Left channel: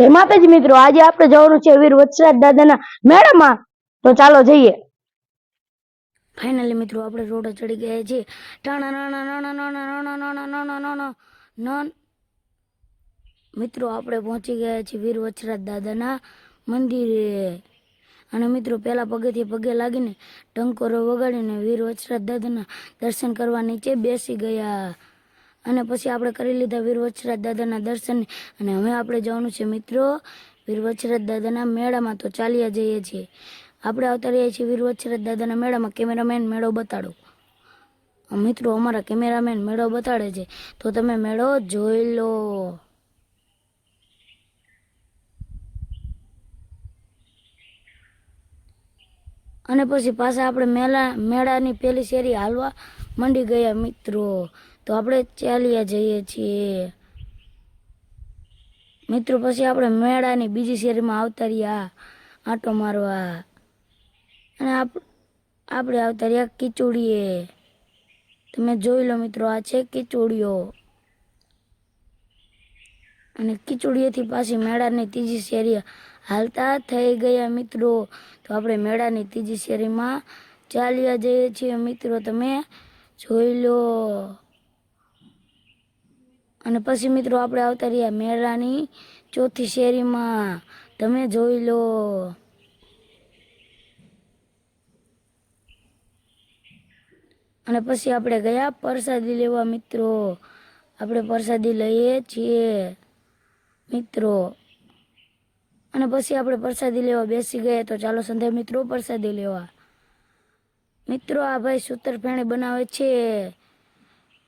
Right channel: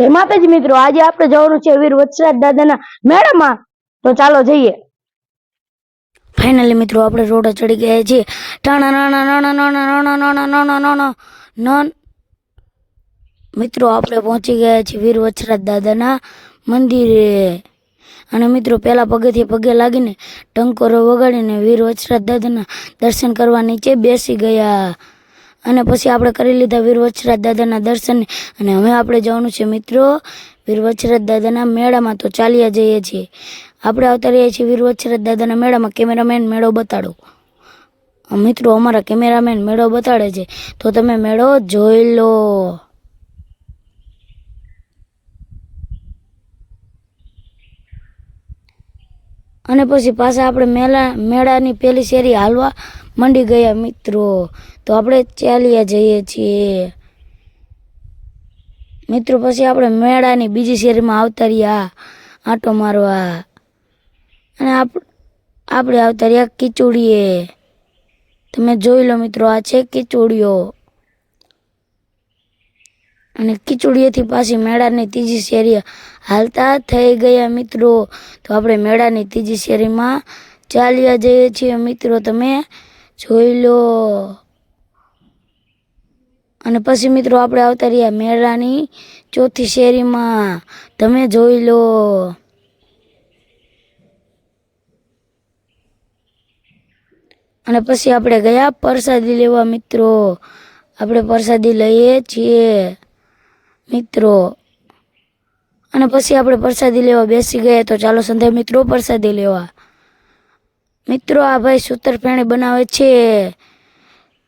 જય માતાજી મિત્રો, આજે આપણે જવાનું છે વીર વત્સરાજ દાદાના મેળામાં, તો ચાલો જઈએ। ફાઇનલી મિત્રો આપણે રોડ ચડી ગયા છીએ। ટાણા નાના નાના નાના નાના નાના નાના નાના નન મિત્રો આપણે પહોંચી ગયા છીએ વીર વત્સરાજ દાદાના મંદિરે। અને મિત્રો પહેલા પગેથી પગે લાગીને ટંકોરો વગાડીને વીર વત્સરાજ દાદાના દર્શન કરવા નીચે બેસી ગયા। અને પછી આપણે કરી લીધા વીર વત્સરાજ દાદાના દર્શન। અને હવે આપણે જવાનું છે મિત્રો વીર વત્સરાજ દાદાના મેળામાં, તો ચાલ્યા જઈએ છીએ। આપણે આવતા રહીએ છીએ વીર વત્સરાજ દાદાના મેળામાં। કેમેરામેન મેળો બતાડો। મિત્રો અમારા કેમેરામેન મેળો બતાડે છે, તો તમે મેળો જોઈ લો। અને પછી પાછા આપણે મેળાની પહેલી શેરી હાલવા મંડી ગયા મિત્રો, તો આપણે ચાલ્યા જઈએ છીએ મિત્રો। પછી આપણે મેળાની બીજી શેરીમાં આવતા રહ્યા આંટો મારવા। અને આપણે આવતા રહ્યા કિચોડીએ। તમે જોઈ લો મિત્રો, આ છે કિચોડીઓ। અને કિચોડીએથી પાછી મેળાની ત્રીજી શેરી હાલતા થઈ ગયા મિત્રો, તો આપણે મેળાની ત્રીજી શેરીમાં ચાલ્યા જઈએ છીએ મિત્રો, તમે જોઈ લો। અને પછી મિત્રો આપણે આવતા રહ્યા મેળાની ચોથી શેરીમાં, તમે જોઈ લો। અને પછી આપણે ગયા પ્રસાદી લેવા મિત્રો, આપણે પ્રસાદી લઈએ છીએ મિત્રો। અને પછી આપણે પ્રસાદી લેવા બેસી ગયા, તો ચાલો સંધ્યા મિત્રો પ્રસાદી લેવા। મિત્રો આ ભાઈ સૂતરફેણી બનાવે છે,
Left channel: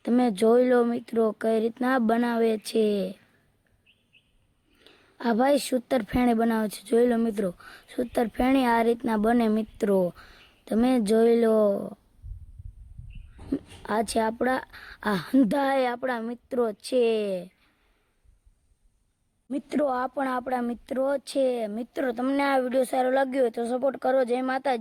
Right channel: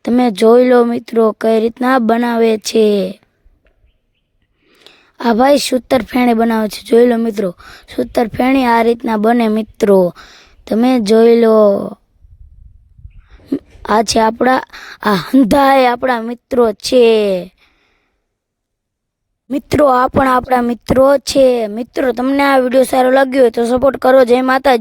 તમે જોઈ લો મિત્રો કઈ રીતના બનાવે છે। આ ભાઈ સૂતરફેણી બનાવે છે, જોઈ લો મિત્રો। સૂતરફેણી આ રીતના બને મિત્રો, તમે જોઈ લો। આ છે આ હંધાય આપણા મિત્રો છે મિત્રો, આ પણ આપણા મિત્રો છે। મિત્રો તમને આ વિડીયો સારો લાગ્યો હોય તો સપોર્ટ કરો। જય માતાજી।